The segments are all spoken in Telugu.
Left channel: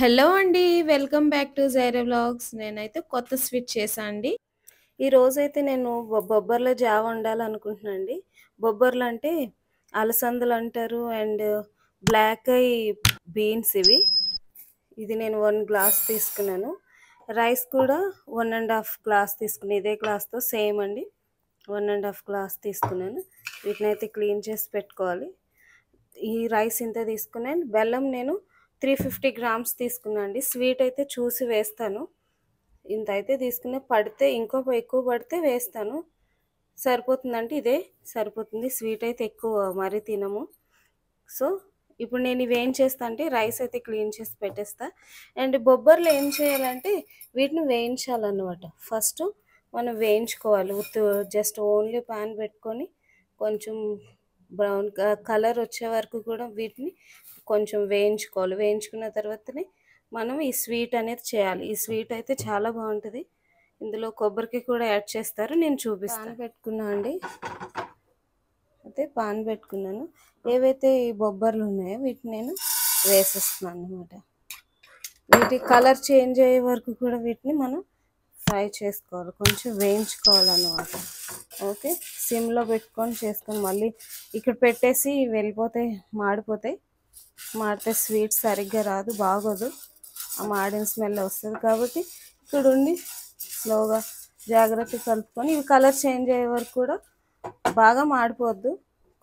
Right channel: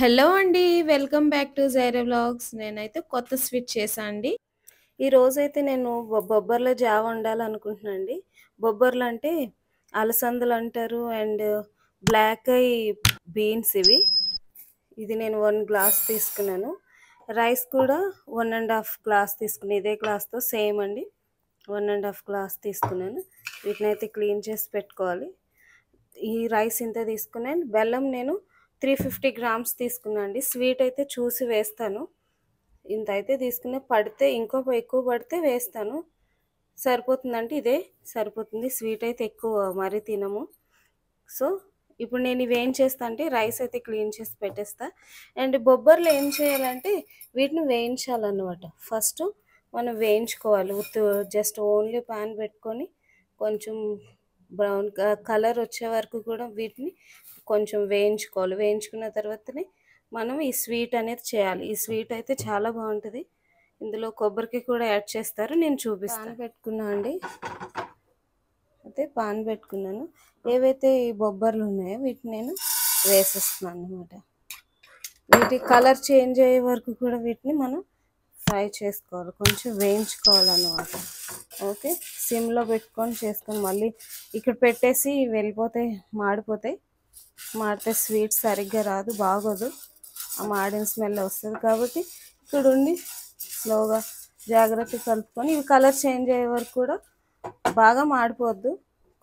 హలో అండి. Welcome back to Jaira vlogs. నేనైతే కొత్త స్వీట్ చేశా అండి. ఈరోజైతే నేను బొబ్బర్ల జావ వండాలనుకుంటున్నా అండి. బొబ్బర్లు అంటే అలసందలు అంటారు అండ్ బ్లాక్ ఐ బీన్స్ ఇవి. ఇది నేను 1 గ్లాస్ తీసుకున్నాను. రైస్ కూడా 1.5 గ్లాస్ తీసుకున్నాను. ఇదే గ్లాస్తో సేమ్ అండి. 1.5 గ్లాస్ తీసుకున్నాను. వీటినైతే క్లీన్ చేసి పెట్టుకోవాలి. ఈ రైస్ ఇంత తీసుకున్నాను. బెల్లం నేను 350 గ్రామ్స్ తీసుకున్నాను అండి. స్వీట్ అయితే చూసి వేస్తాను. ఇంత అయితే తీసుకున్న, పడితే ఇంకో ఎక్కువ పడితే వేస్తాను. సరిపోతుందంటే ఇదే సరిపోతుంది. స్వీట్ అయితే ఎక్కువ మరీ తినము. సో ఇప్పుడు నేను ఇవి ఏం చేస్తా అంటే రైస్ అయితే క్లీన్ చేసి పెట్టేస్తా. అండ్ బొబ్బర్లు ఏం చేయాలంటే వీటిని వేయించాలన్నమాట. ఫస్ట్ మనం వేయించుకోవాలి. జస్ట్ ఓన్లీ పాన్ పెట్టుకొని కొంచెం బ్రౌన్ కలర్ వచ్చే వరకు కూడా వీటిని కొంచెం వేయించుకోవాలి. వేయించుకున్న తర్వాతనే మనం ఈ స్వీట్ అనేది చేయాలి. ఈ స్వీట్ అయితే చాలా బాగుంటుంది. ఇందులో కొబ్బరికి కూడా యాడ్ చేస్తారు. నేను చూపిస్తాను. పెట్టుకున్నా అండి. అయితే పాన్ పెట్టుకున్నాను. ఏవైతే ఈ బొబ్బర్లు ఉన్నాయో వీటిని నేను వేసేస్తున్నాను అనమాట. వీటి కలర్ చేంజ్ అయ్యే వరకు కూడా వీటిని మనం ఫ్రై చేసుకోవాలి, కొంచెం వేయించుకోవాలన్నమాట. ఓకే, సిమ్లో పెట్టుకొని చేసుకొని మళ్ళీ ఇక్కడ పెట్టేసి వెళ్ళిపోతాయి, మాడితే స్వీట్ సరిగ్గా రాదు, బాగోదు. ఆ మాడిన స్మెల్ వస్తుంది. కాబట్టి ఇక్కడ ఉండి స్లోగా జాగ్రత్తగా కలుపుకొని ఇవి కలర్ చేంజ్ అయ్యే వరకు కూడా, బాగా మాడిపోద్దు,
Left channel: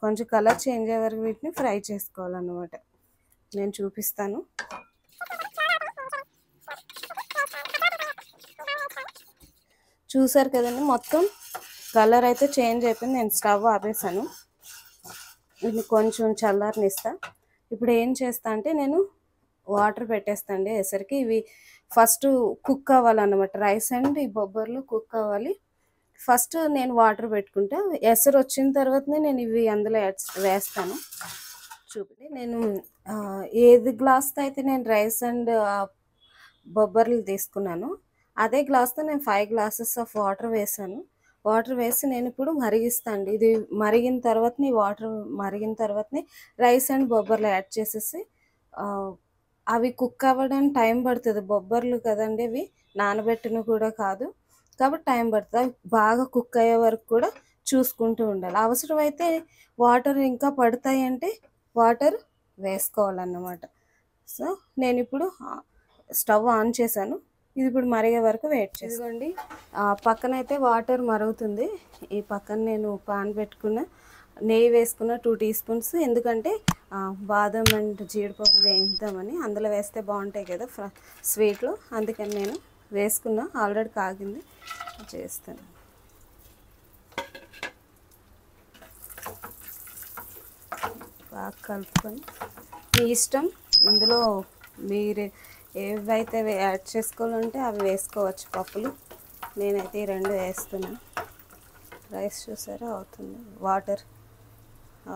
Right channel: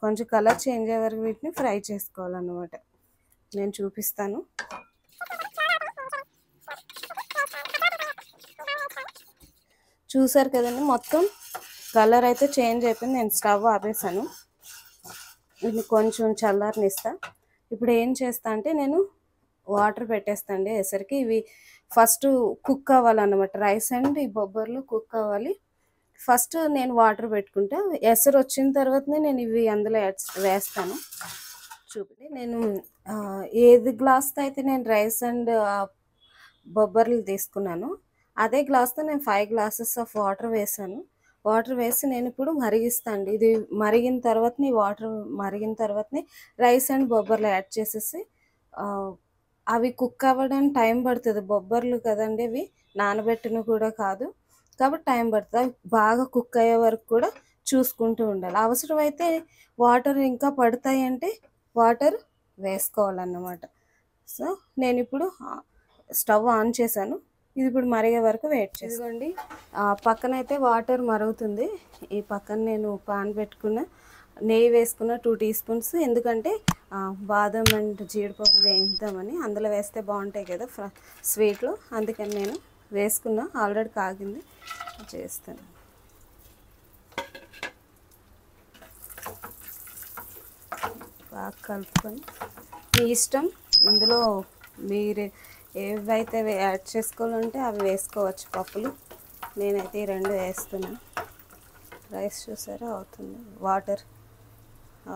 కొంచెం కలర్ చేంజ్ అయ్యే వరకు వీటిని ఫ్రై చేసుకోవాలన్నమాట. నేను చూపిస్తాను. చూసారు కదండి, మొత్తం కలర్ అయితే చేంజ్ అయిపోయింది. నేను స్టవ్ ఆపేసాను. ఇది కొంచెం చల్లారనిస్తా. ఇప్పుడు ఏం చేస్తా అంటే నేను వాటర్ పెట్టేస్తాండి ఎసరికి. ఇవి ఫస్ట్ కుక్ అవ్వాలన్నమాట. రైస్ అండ్ ఈ బొబ్బర్లు కుక్ అవ్వాలి. ఫస్ట్ నేను వాటర్ పెట్టుకుంటా. ఎసరు వచ్చిన తర్వాతనే నేను ఇవి అందులో వేస్తాను. చూపి నేను ఏది గ్లాస్తో అయితే నేను రైస్ అండ్ బొబ్బర్లు తీసుకున్నాను, అదే గ్లాస్తో నేను 5 గ్లాసెస్ ఆఫ్ వాటర్ వేసాను. వాటర్ వేసి నేను ఇప్పుడు మరిగిస్తాను. ఇది మరిగిన తర్వాతనే, వాటర్ మరిగిన తర్వాతనే రైస్ అండ్ బొబ్బర్లు యాడ్ చేసేసి అవి కుక్ అవ్వడానికి టైం పడుతుంది. బొబ్బర్లు కదండి, అవి నానబెట్టిన కూడా కాదు, కాబట్టి టైం పడుతుంది. బాగా కుక్ అయ్యే వరకు కూడా చూసుకుంటూ ఉండాలి. అవసరమైతే వాటర్ ఇంకా పడతాయి అంటే వాటర్ వేసుకోవాలన్నమాట. సో నేను ఇప్పుడు స్టవ్ ఆన్ చేశాను. ఇది ఇప్పుడు మరిగే వరకు వెయిట్ చేసుకోండి. పక్కనైతే వాటర్ మరుగుతుంది. ఈ పక్కన నేను పాన్ పెట్టుకున్న, నెయ్యి వేసుకున్న 2 టీ స్పూన్స్. ఎందుకంటే బాదం అండ్ జీడిపప్పు వేయిద్దామని. అందులో వేస్తే బాగుంటాయి కదా స్వీట్లు, అందుకని నేను వేసుకున్నా. ఆల్రెడీ కాగింది, చేస్తాను. బాగా కలుపుకొని మీ ఇష్టం, ఇందులో మీరు ఏవైతే యాడ్ చేసుకోవాలంటే అవి వేసుకోవచ్చు. పప్పులు నేనైతే ఈ 2 వేస్తున్నా. రైస్ చూసారా అవుతుంది, వాటర్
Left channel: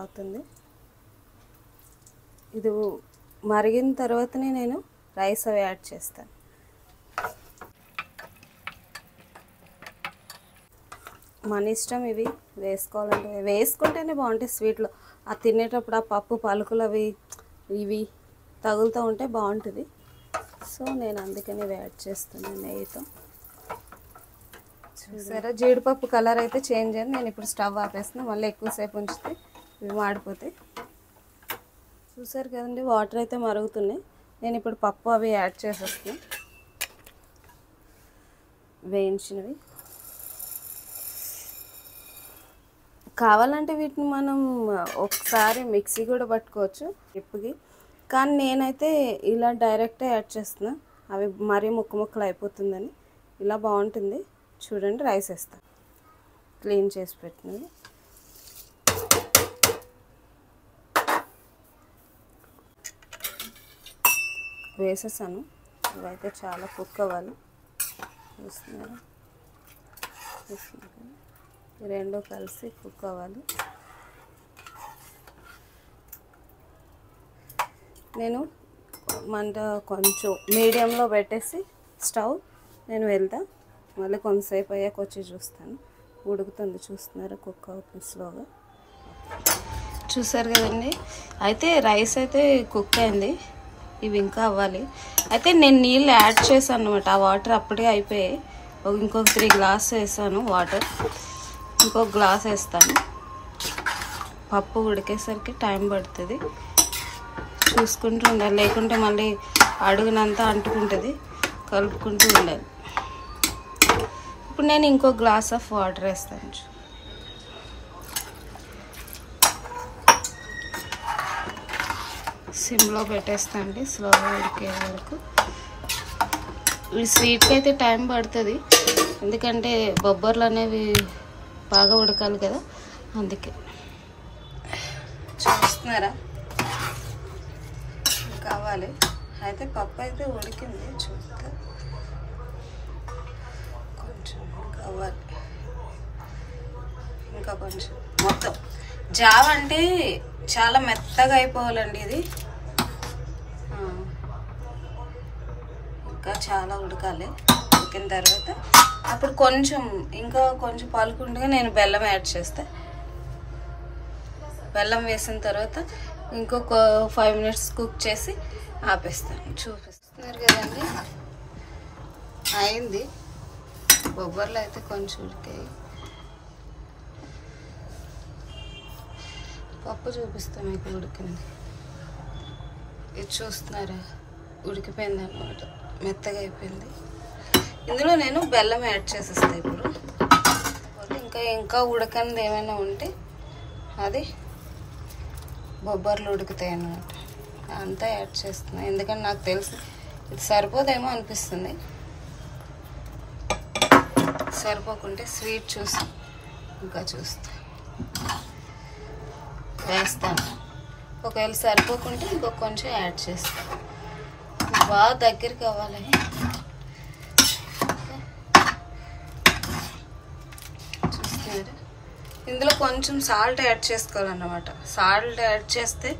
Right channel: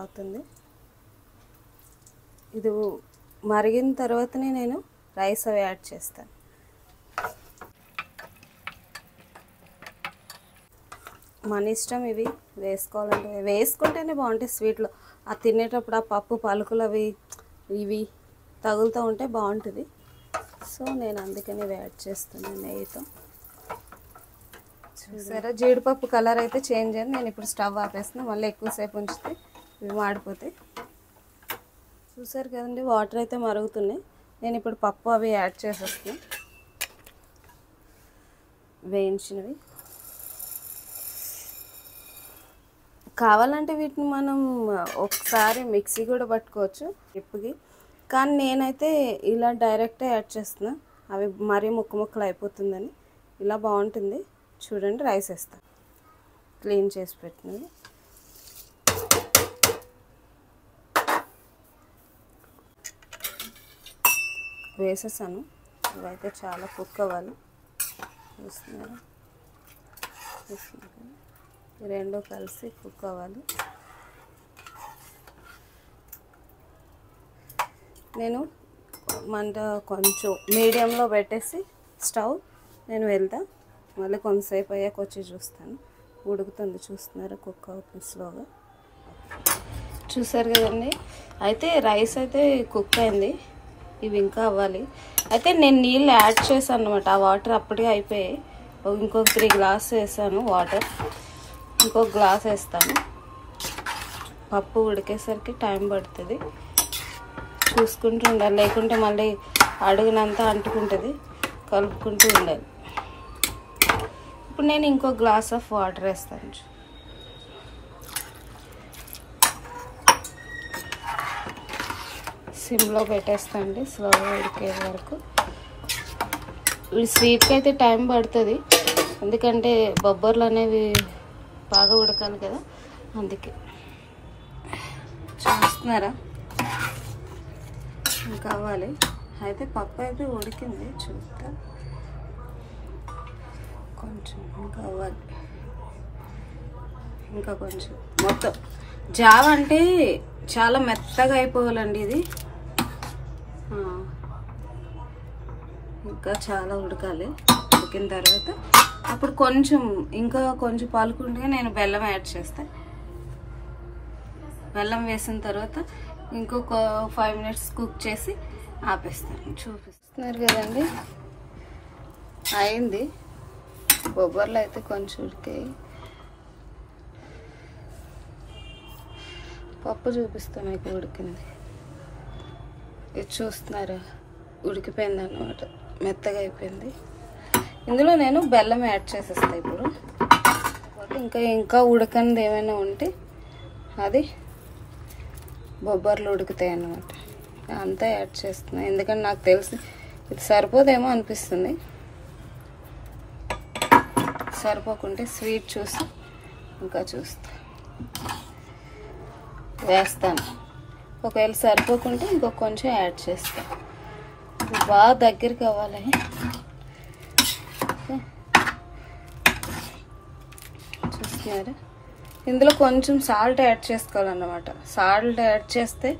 అవుతుంది. ఇది మరిగిన తర్వాతనే నేను రైస్ అవి యాడ్ చేస్తాను. మన ఇష్టం, ఇవి వేసుకోవాలంటే వేసుకుంటేనే బాగుంటాయి స్వీట్లో. ఆ తినేటప్పుడు ఆ పప్పు పలుకులు అవి ఇవి తగులుతూ ఉంటే బాగుంటుంది. సో నేను అందుకని యాడ్ చేస్తున్నాను నెయ్యితో. చూసారా, జీడిపప్పు కలర్ అయితే చేంజ్ అయింది. నేను ఇప్పుడు స్టవ్ ఆపేస్తున్నా. మళ్ళీ ఎక్కువసేపు ఉంచితే ఇవి మాడిపోతాయి. చూసారు కదండి, వాటర్ అయితే మరుగుతున్నాయి. నేను ఇప్పుడు పప్పు అవి యాడ్ చేసేస్తాను, వేయించినవి. కావాలంటే వీటిని మనం ఒకసారి మిక్సీ కూడా పట్టుకోవచ్చు ఇప్పుకి, కానీ నేనైతే ఇలా డైరెక్టే యాడ్ చేస్తున్నా. అవి మరీ ముక్కలు అయిపోతుందని. ఇలా బాగుంటుంది. చూడండి, రైస్ వేస్తా, క్లీన్ చేసి పెట్టినవి. వేసేసాను. ఇవైతే చాలా కుక్ అవ్వాలి. చూస్తున్నారు, ఈ 2 కలిసి కుక్ అవ్వాలి. నేను మంట కొంచెం మీడియంలో పెట్టేసి స్టవ్ నేను వెళ్తా. మళ్ళీ కొంతసేపు అయ్యాక వచ్చి చూస్తాను. ఉడుకుతుంది, చూస్తున్నారు, కుక్ అవుతుంది స్లోగా. చూసారు కదండి, అయితే రైస్ అయితే కుక్ అయింది. ఇవి ఇంకా అవ్వాలి. అయితే నేను నీళ్ళు యాడ్ చేశాను అనమాట. ఆ వాటర్ అప్పుడే అయిపోయాయి. ఇంకొక 3 గ్లాస్ వేసాను వాటర్. ఇంకొక గ్లాస్ వేస్తాను. పప్పు ఉడికేసరికి టైం పడుతుంది. చూసుకుంటూ ఉండాలి, లేకుంటే మళ్ళీ అడుగునంతా అంటుకుంటుంది. కలుపుకుంటూ ఉండాలి. ఇప్పుడు నేను ఇంకో గ్లాస్ ఆఫ్ వాటర్ వేస్తాను. సిమ్లో పెట్టేస్తాండి స్లోగా ఉడికే వరకు. ఈ స్వీట్కి అయితే టైం పడుతుంది, ఎందుకంటే బొబ్బర్లు అనేవి బాగా ఉడకాలి కదా, అందుకే. చూస్తున్నారా కావాలి. అయితే పప్పు అయితే ఉడికింది, చూస్తే కొంచెం కావాలి, ఇంకా కొంచెం. మొత్తం జావ అంటే చాలా మెత్తగా అయిపోవాలండి ఇది. ఇంకా చాలా ఉడకాలి. ఉడికిన తర్వాత అప్పుడు కొంచెం ఇంకా కొంచెం పాలుకుండగా నేను బెల్లం యాడ్ చేస్తాను. బెల్లం వేసిన తర్వాత ఇంకొక 5 మినిట్స్ కుక్ చేసి ఆపేస్తాను. చూపిస్తున్నారు కదండి, అయింది. బొబ్బర్లు అయితే కొంచెం ఉడికాయి. పప్పు చూపిస్తాం మీకు ఉడికింది. ఇది చూస్తున్నారా, ఉడికిపోయింది అన్నమాట, మెత్తగా అయిపోయింది. ఇందులో నేను బెల్లం యాడ్ చేసేస్తాను ఇప్పుడు. ఇంకా ఉడకనిది ఏమైనా ఉంటే అది బొబ్బర్లు ఉడుకుతాయి అన్నమాట. అంతా యాడ్ చేస్తున్నాను, ఎందుకంటే నాకు తెలుసు ఇది సరిపోదేమో అనిపిస్తుంది. సరిపోకుంటే స్వీట్ చూసి ఇంకా వేస్తాను. ఒకవేళ సరిపోకుంటే ఇంకొక కొంచెం యాడ్ చేస్తాను. బాగా దగ్గరికి అవ్వాలని. చూస్తున్నారా, ఇందులో కొంచెం సాల్ట్ యాడ్ చేసుకోవాలన్నమాట. సాల్ట్ యాడ్ చేస్తే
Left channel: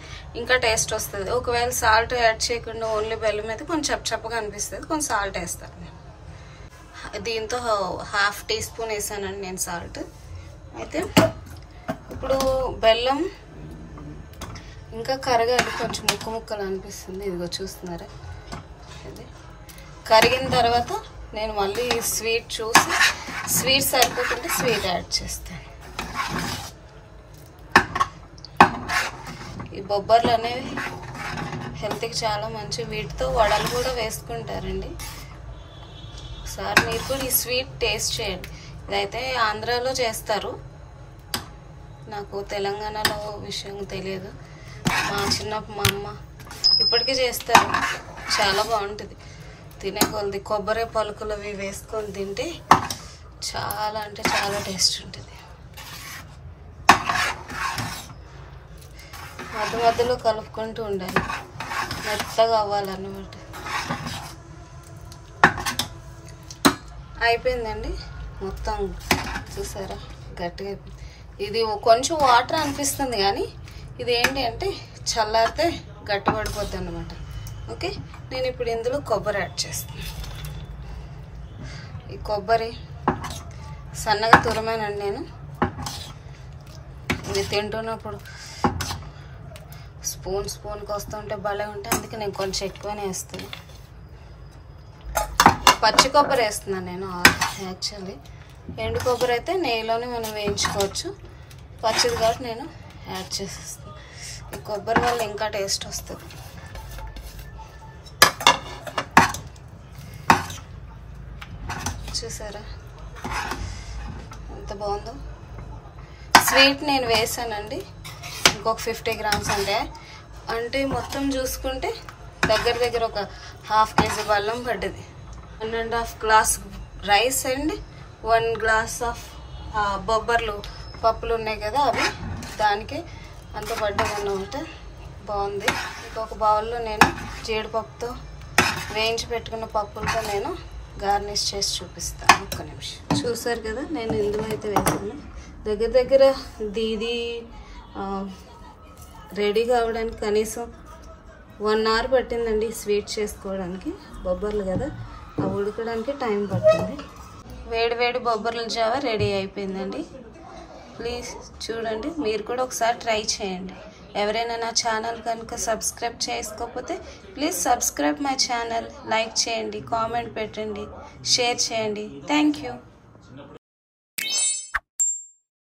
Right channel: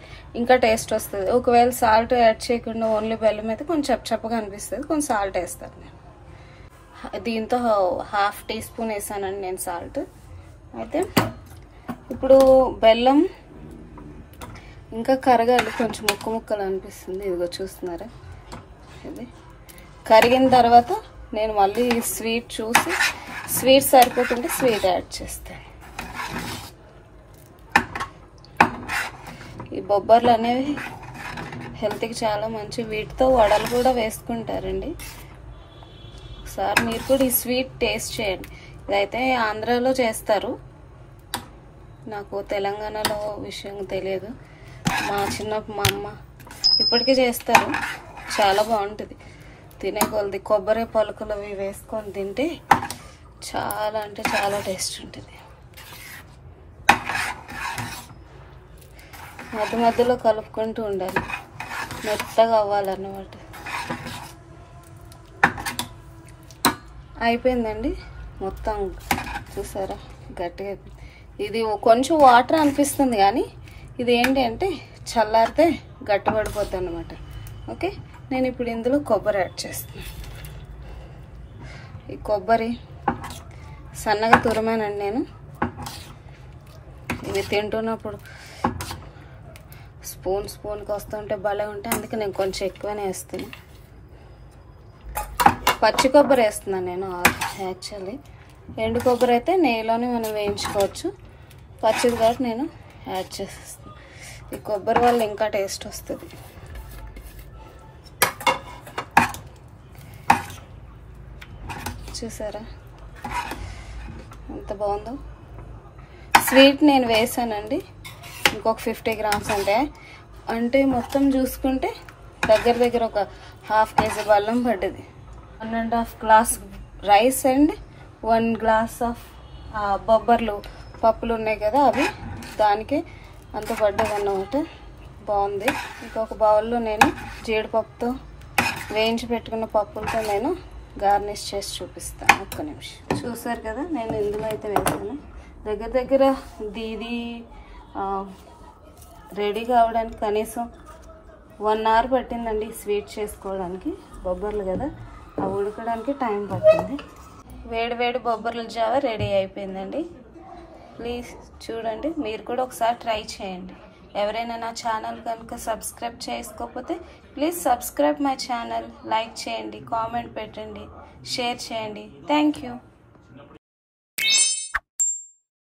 ఇంకా టేస్ట్ వస్తుంది. ఒకవేళ సాల్ట్ యాడ్ చేయకుండా ఓన్లీ బెల్లం అయితే కొంచెం చప్పగా అనిపిస్తుంది, కొంచెం సాల్ట్ వేస్తాను. దీంతో 1/2 టీ స్పూన్ వేసానండి నేను సాల్ట్. అయితే ఇప్పుడు బెల్లం ఇంకా కరగాలి, కొంచెం ముక్కలు అనిపిస్తుంది. ఇదిగో చూస్తున్నారా, ఇది కరిగిన తర్వాత నేను మళ్ళీ స్వీట్ చూసి, స్వీట్ సరిపోతుంటే స్వీట్ యాడ్ చేస్తాను. ఈ బొబ్బర్లు అనేవి హెల్త్కి చాలా మంచి. వీటితో వడలు కూడా వేసుకుంటారండి. ఒకసారి మీరు కూడా ఈ స్వీట్ టేస్ట్ చేయండి. ఇదైతే ఆంధ్రాలో చేస్తారు, నాకు తెలంగాణలో విషయం తెలియదు. మా అమ్మ ఇప్పటికీ చేస్తారు, చాలా బాగుంటుంది. తినే కొలది కొబ్బరి పలుకులు అవి వేసుకొని తింటే చాలా అంటే చాలా టేస్ట్ ఉంటుంది. మధ్యలో కలుపుకుంటూ ఉండాలి, మెత్తగా అవ్వాలన్నమాట. అయిపోయిందండి మొత్తం. చూసారా గట్టిగా. ఇది కొంచెం వాటర్ అనిపిస్తుంది, కానీ ఇది ఏంటి అంటే చల్లారితే గట్టిపడిపోతుంది అన్నమాట. ఓకే, నేను ఇప్పుడు ఇందులో కొబ్బరి యాడ్ చేస్తాను. ఈ కొబ్బరి సన్నగా తురిమేనండి నేను. ఇది తింటున్నప్పుడు స్పూన్కి వస్తుంటే భలే ఉంటాయి, అందుకే నేను కొంచెం ఎక్కువనే వేస్తాను. పచ్చి కొబ్బరి వేస్తున్నాను నేను యాక్చువల్లీ. ఎండు కొబ్బరి అయితే నెయ్యిలోనే మనం వేయించుకోవచ్చు, పచ్చిది కాబట్టి నేను యాడ్ చేసేస్తాను. ఈ కొబ్బరి వల్ల ఇంకా టేస్ట్ వస్తుంది. చూసారా ఎంత బాగుందో. స్వీట్ నేను వేసానండి ఇంకొక 50 గ్రామ్స్. అంటే మొత్తం చూసుకుంటే దగ్గర ఒక 1/2 కేజీ బెల్లం పడ్డది. 1.5 glass rice and 1 glass of బొబ్బర్లు పప్పులు ఉన్నాయి కదా, అవి దానికి అంత పడ్డది అన్నమాట. బాగుంది. ఇంకొక బౌల్లో నేను జీడిపప్పుతో వేయించి పెట్టుకున్న పప్పులతో నేను గార్నిష్ చేసి చూపిస్తాను. ఒక్క నిమిషం. చూసారు కదా, నేను ఇందులో అయితే వేసాను. దగ్గర ఇది రెడీ కావడానికి కనీసం 1 అవర్ పట్టిందండి. స్వీట్ చేసుకోవడానికి బొబ్బర్లు కదా, అవి ఉడకడానికి టైం పడుతుంది. వేడి బొబ్బర్ల జావ రెడీ అయిపోయిందండి. ప్లీజ్ చూడండి, మీరు కూడా ఒకసారి ట్రై చేయండి. ఎవరైనా నా ఛానల్ కనుక సబ్స్క్రైబ్ చేసుకోకపోతే please subscribe my channel, like చేయండి, కామెంట్ పెట్టండి, షేర్ చేయండి. Thank you.